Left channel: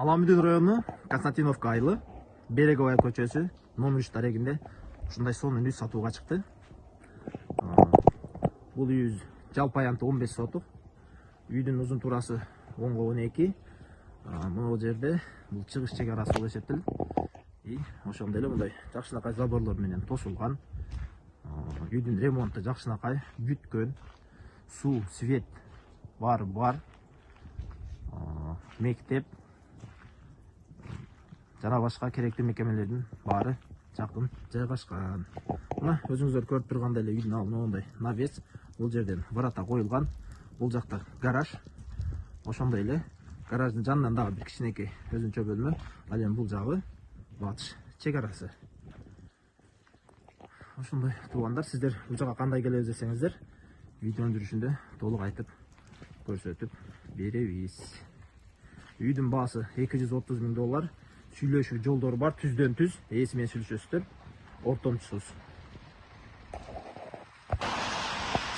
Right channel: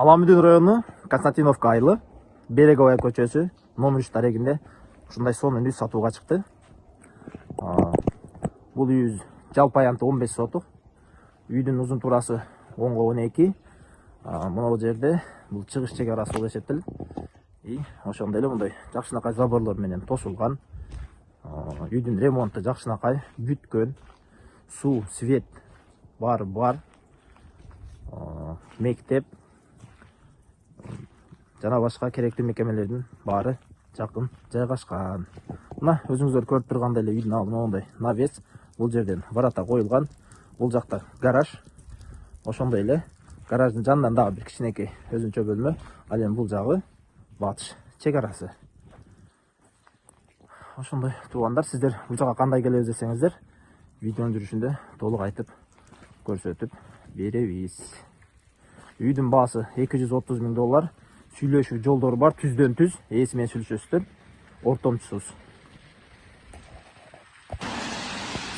Аламедин району Константиновка айылы, Береговая көчөсү, номер 3 тарегинде ушундай сонун үй сатууга чыкты. Бул үй жалпы аянты 15 сотук. Үйдүн узун турасы 10-12. Мына жерде бул чыгыш чек арасы болуп эсептелет. Ошондой эле мындай жакшынакай заборлор менен тосулган. Үйдүн ремонту жакшынакай бүткөн. Суу, свет бар. Мектеп жана башка керектүү мекемелердин баары жакын жайгашкан. Мына өзүңүздөр көрүп тургандай эле үйдүн алдына мондай навес, бул жерден ворота коюлган. Бул жакта гараж. Ошондой эле гараждын жанынан дагы бир кичинекей өзүнчө бөлмө. Ал эми бул жагы батыш чек арасы. Ошондой туугандар, сиздер бул жака кандай келебиз десеңиздер, видеонун жүрүшүндө толук айтып көрсөтүп беребиз. Үйдүн баасы $230.000. Сүйлөшүү жолдору бар, түздөн түз, ээси менен сүйлөшөсүздөр, ортомчусуз.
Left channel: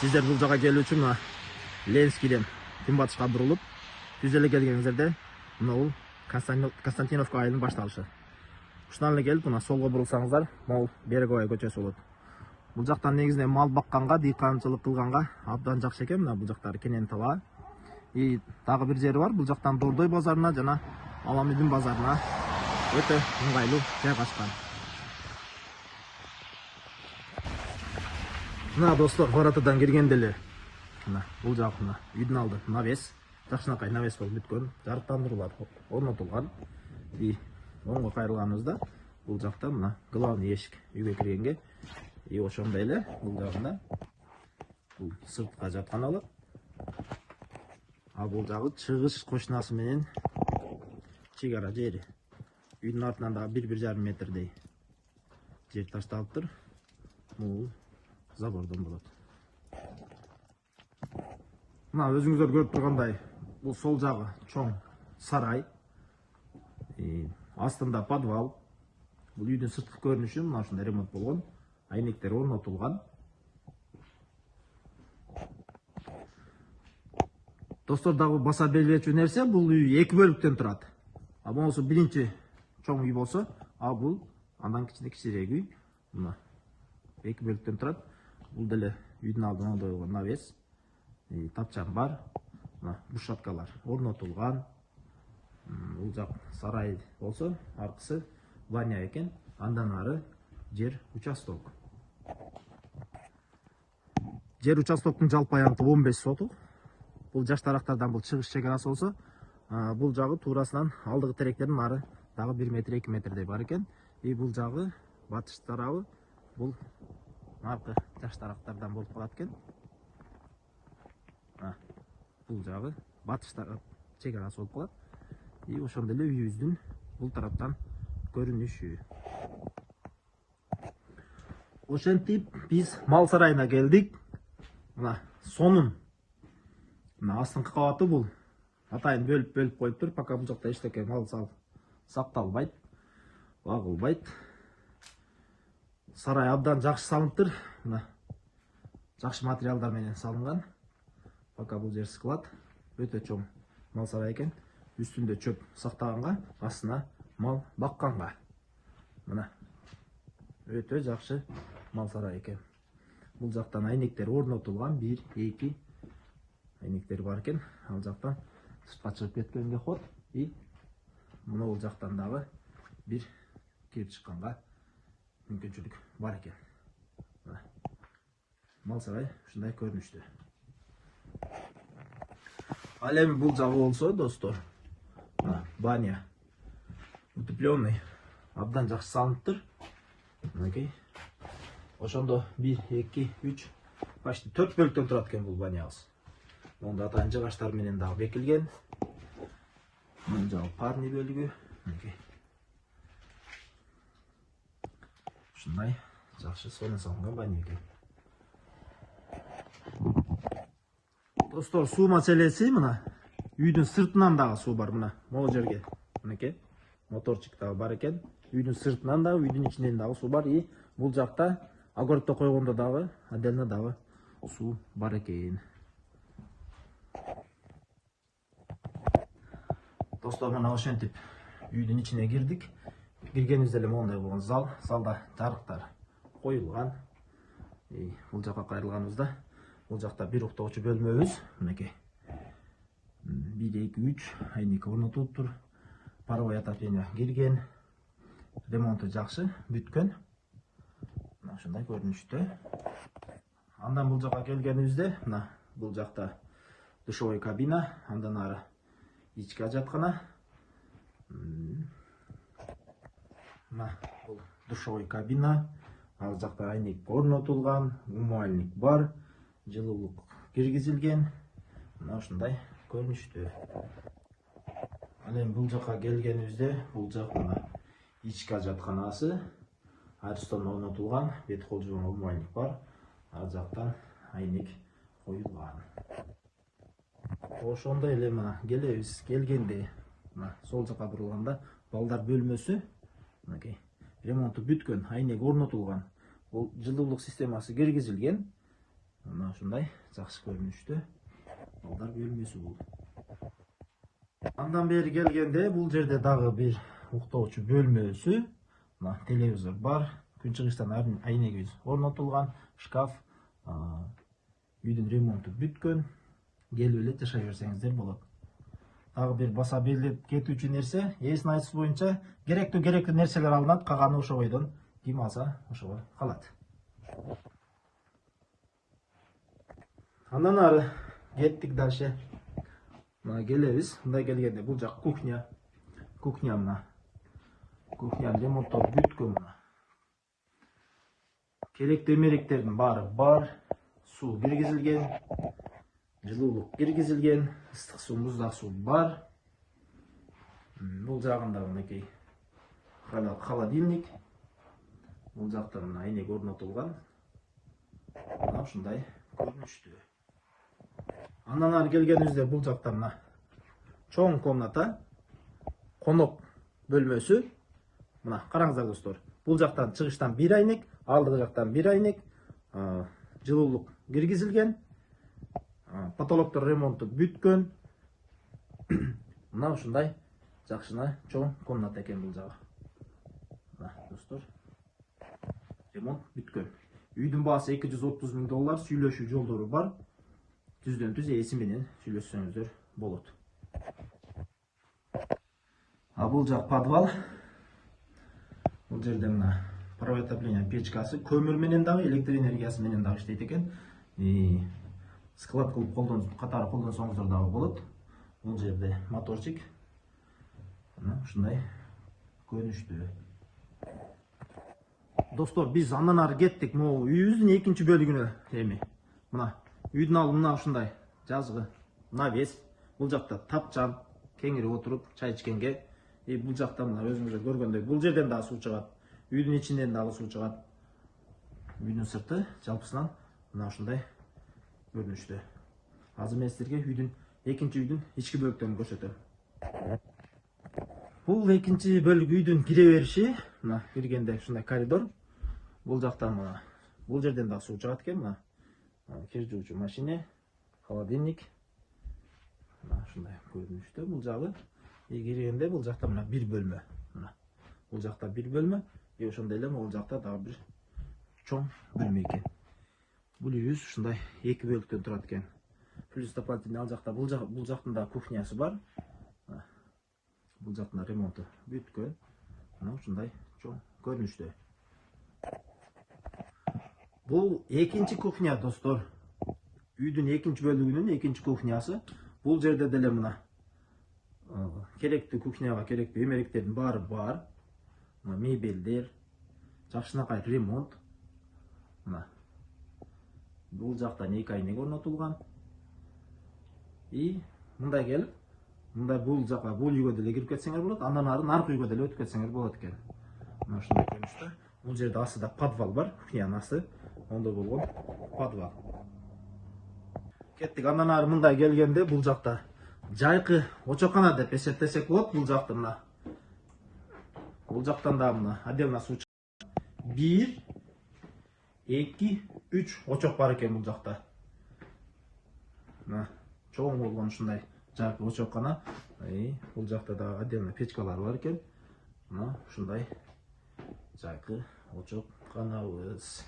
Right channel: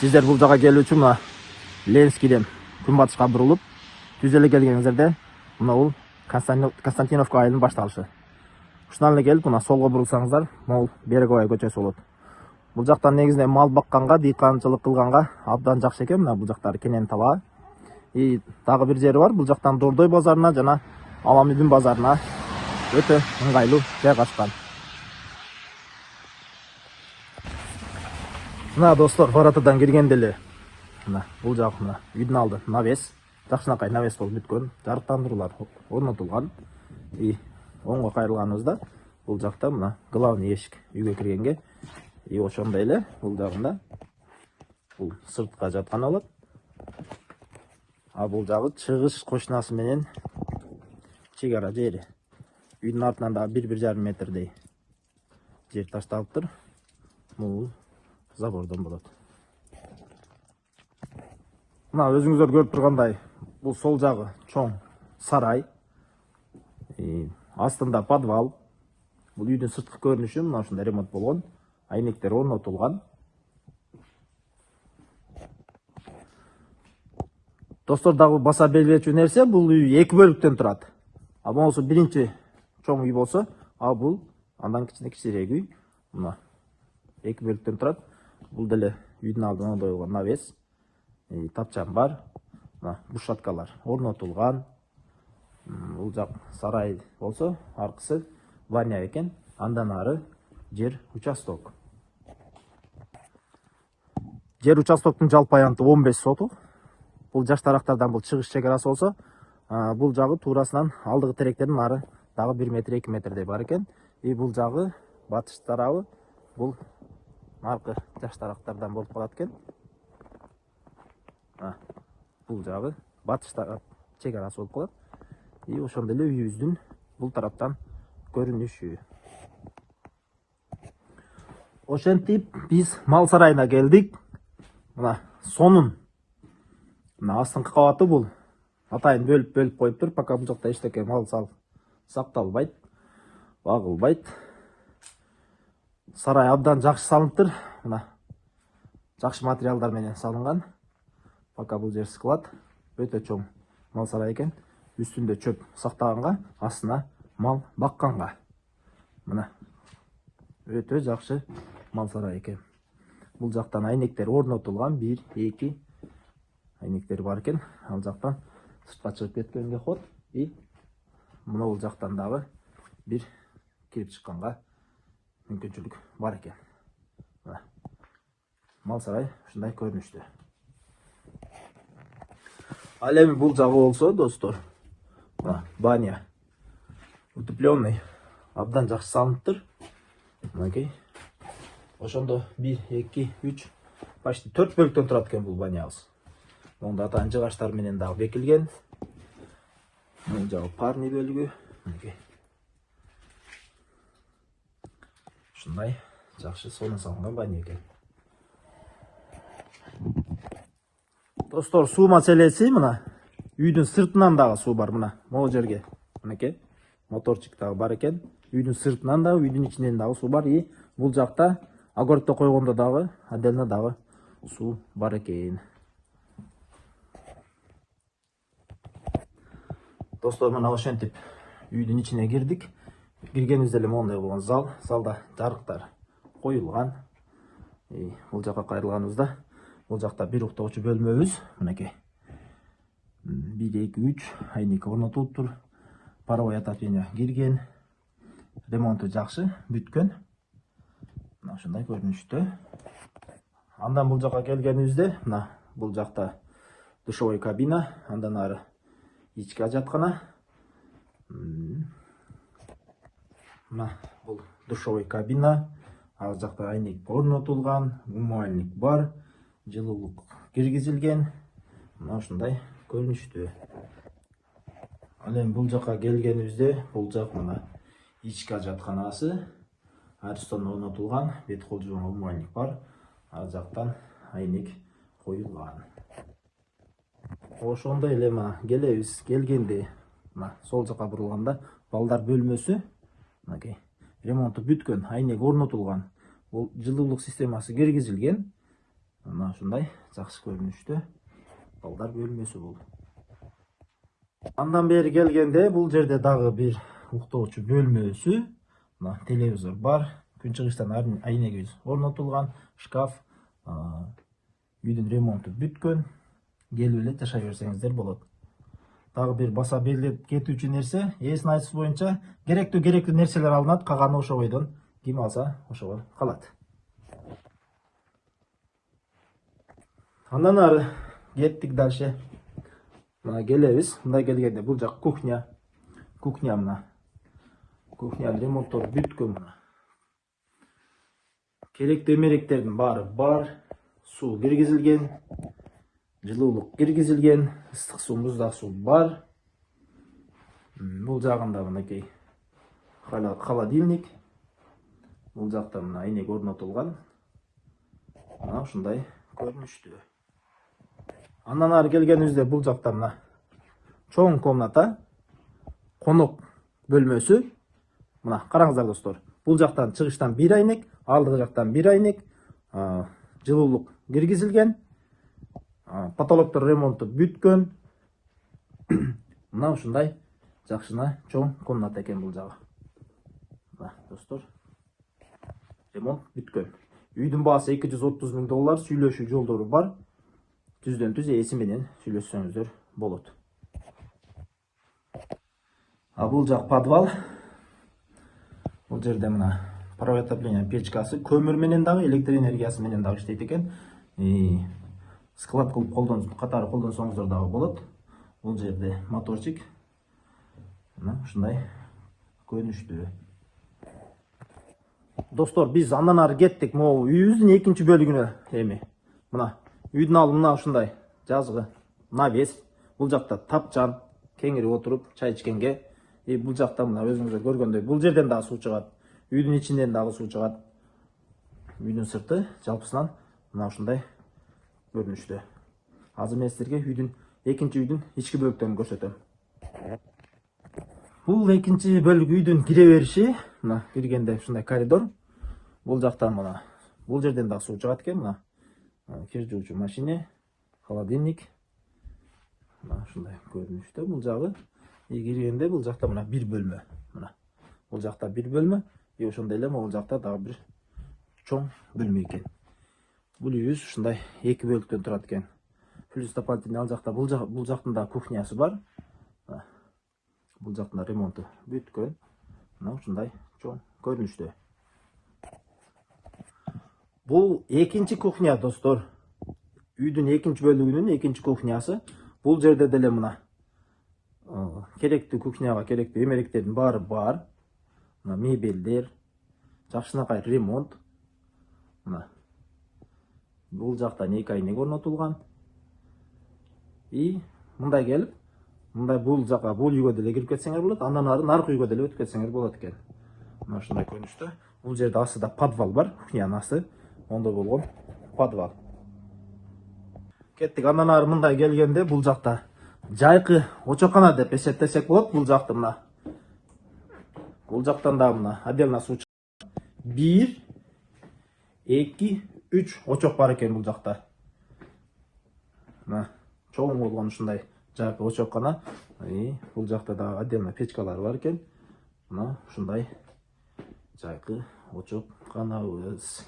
Сиздер бул жака келүү үчүн мына Ленскийден күнбатышка бурулуп, түз эле келгениңиздерде мына бул Константиновка айылынын башталышы. Ушунан эле келип, мына солго бурулсаңыздар, могул Береговая көчөсү болот. Бул жактан негизинен мал бакканга, дыйканчылык кылганга абдан жакшы экен. Мына бул жактары кенен талаа. Дагы бир жери бар. Бул жактан Дордой базарына жана Аламедин базарына өтө ыңгайлуу жайгашкан. Мына достор, воротадан киргенде эле мына бул жак мына үйдүн алды навес, жакшынакай навес болуп бүткөн, жарыктандыруулар орнотулган. Оңго кайрылганыбызда бул жакта мына главный эшик үйгө киргенге, ошондой эле бул жагында бул сыртка жаткан болот. Бул жагы чыгыш кошунасы менен чек ара жери. Үйдүн артынан да 1,5 метрдей жер ташталыптыр. Бул забордон болот. Мына өзүңүздөр көрүп тургандай, бул сол жагы чоң сарай. Астында подвал. Бул үйдүн сырткы көрүнүшү мына ушундай ремонт болгон. Айнектер орнотулган. Достор, дагы баса белгилечү нерсе, бул үй 2 бөлүктөн турат. Болсо биринчи чоң үй болсо, бул андан кичине үй. Мына 2 бөлүктөн турат. Бул деле үйдүн алдына мондой болгон навес, тапчан бар. Мына бушаткалар орнотулган. Бул жак сарай болсо, аркысы вання экен. Андан ары жер участок. Жер участоктун жалпы аянты 15 сотук. Бул жаштарактардан бул чыгыш чек арасы болсо, бул жагы туурасынан алдыгы теректердин ары дагы 1 метр 2 метрдей бар экен. Бул жагы батыш тарабы бул аркы жаштарактардан болуп калат экен. Бул жагы батыш тарап чек арасы болуп калат. Ошондой эле үйүбүздүн бул тараптан көрүнүшү. Ошентип биз мал сарайына келдик. Мына сонун. Мына астыңкы кабаты бул атайын бөлүп коюптур, пока бул жакта эчтеке мал сакталбайт, багылбайт. Сарай абдан жакшы салыныптыр. Мына жакшы материалдар менен салынган. Пока бул жер склад, өтө чоң мал сарай экен. Үстүндө чөп сактаганга, астына мал бакканга. Мына өтө жакшы мал сарай экен. Бул жактан айнектер орнотулган, 1-2 айнектер бар экен. Ал жактан сыртка чыгып кеткенге ход. Мына бул жактан дагы бир кирип чыкканга мүмкүнчүлүк бар экен. Мал сарай ушундай көрүнүштө. Ал эми бул жагы болсо, достор, баня утепленный, абдан жакшы салыныптыр. Мынакей. Ошондо 1, 2, 3, почти 4 бөлүктөн турат экен бул банябыз. Монда атайын жыгачтар менен дагы бекилген. Бул жагы парный бөлүгү. Ушундай жакшы сонун салынган баня экен. Достор, суу маселеси мына үйдүн сыртынан дагы суу бар. Мына могу жерге мынакей моторчик дагы бар экен. Үйдүн сыртынан дагы, үйдүн ичинен дагы суу бар. Бул жакта огородто койгондо дагы отдельно дагы суу бар экен. Достор, мына ошентип үйдүн ичине кирдик. Киргенибизде эле моундай болгон зал. Залда жарыктар коюлган. Бул жака кайрылганыбызда бул жакта бир уктоочу бөлмөбүз. Мынакей. 1, 2, 3 айнек орнотулуптур. Паровой отопление кирген. Ремонту жакшы, бүткөн. Мына ушундай көрүнүштө. Андан бул жака келгенибизде, мына бул жакта душевой кабина, андан ары ички ажаткана. Мына бул душевой кабина, ал жакта айнек орнотулган, умывальник бар, жылуулук киргизилген. Мына ушундай көрүнүштүү. Ал эми бул жака келгенибизде, бул жак мына ички ажатканасы, Арстон орнотулган, бет кол жууган умывальник бар. Ал жактан айнек коюлган. Ошондой эле мына келебиз. Келгенде мына сол жака бурулганда балдар бөлмөсү, мынакей ремонту бүткөн, айнек орнотулган. Бул жылуулук системасы киргизилген. Мына ушундай жакшы көрүнүштө балдар бөлмөсү бул. Андан бери келгенде бул жерде дагы бир уктоочу бөлмөсү, мына телевизор бар, күнчыгыштан айнегибиз орнотулган, шкаф, үйдүн ремонту бүткөн. Келип эле жашай берсеңиздер болот. Дагы бир баса берилип кетүүчү нерсе, ээсинин айтышы боюнча керектүү нерселер алынат, калганы ошо бойдон ким алса ошого калат. Андан ары кеттик дальше. Мына келебиз. Мындай келгенде бул жак кухня. Кухня мына. Кухнянын ремонттору бүткөн мына. Керектүү эмеректердин баары бар. Суу киргизилген. Жылуулук киргизилген, ыстык суу, муздак суу бар. Бул жагында мынакей холодильник. Бул жакта мына айнек орнотулган. Мына ушундай көрүнүштүү. Андан ары келгенибизде бул жакта мына чоң комната, конок бөлмөсү. Мына караңыздар достор. Бул жактан чыгыштан бир айнек, алдыгы жактан бир айнек, жылуулук киргизилген. Потолоктор ремонту бүткөн. Мына ушундай жакшына чоң комната экен бул жагы. Мына достор, ремонт бүткөн. Үйдүн баасы $230,000, сүйлөшүү жолдору бар. Түздөн түз ээси менен сүйлөшсөңүздөр болот. Бул жак подвал. Бул жерде мына паровой отопление печкасы, көмүр менен дагы, электр энергиясы менен дагы иштейт экен. Склад кылып катары колдонсоңуздар дагы болот. Бул жерде моторчик. Мына ушундай көрүнүштүү. Достор, биз андан ары кеттик могу үйүбүздүн экинчи бөлүгүнө. Эми мына үйдүн алды мына ушундай жазгы, навес. Бул жакта тапчан, кеңири отуруп чай ичкенге. Бул жакта мына өзүңүздөр көргөндөй бул жерден дагы суу чыгат. Үйдүн ичинен дагы суу чыгат. Үйдүн сырты жалпысынан мына ушундай көрүнүштө. Азыр мен силерге экинчи үйдүн ички бөлүктөрүн көрсөтөм. Бул экинчи бөлүк үйдүн кире бериши. Мына киргенде ушундай коридор. Бул жактан мына бул жерден дагы суу чыгат экен. Мына кир жуучу машина, холодильник. Мына ушундай көрүнүштө бул жагы. Киргенде бул жакта мына бир бөлмө. Мына бул жакта бир бөлмө, ошондой эле бул жакта дагы бир чоң бөлмө экен. Бул үйүбүз ушундай эки бөлүктөн турат экен. Плюс дополнительный ал жакта бул жактын да кухнясы бар. Бул жактын ремонту бүткөн. Мына ушундай чоң көрүнүштө. Бул экинчи кухня, достор. Үйдүн экинчи бөлүгүнүн экинчи кухнясы. Бул жерде деле мына керектүү кухняга керектүү эмеректердин баары бар. Мына мебелдер, жакшынакай ремонт. Мына бул жактан эки айнек орнотулган. Мындай келип, мындай бул жака, бул үйгө деле кирип кетсеңер болот. Андан ары наркы үйгө деле өтүп кетсеңер болот экен. Мына ушундай көрүнүштө. Бул жерде астыда подвал бар, кухнянын асты. Ондой болгон подвал. Кеттик. Андан ары мындай келгенде бул жакта жайкы очоккана деп эсептесек болот. Бул жакты мына. Бул жактан да мына отдельно суу чыгат. 1, 2, 3 очок бар экен бул жакта. Мына чоң болгон ушундай жайкы очоккана. Бул жакта да отдельно печкалар бар экен. Мына ушундай жайкы очок канабыз.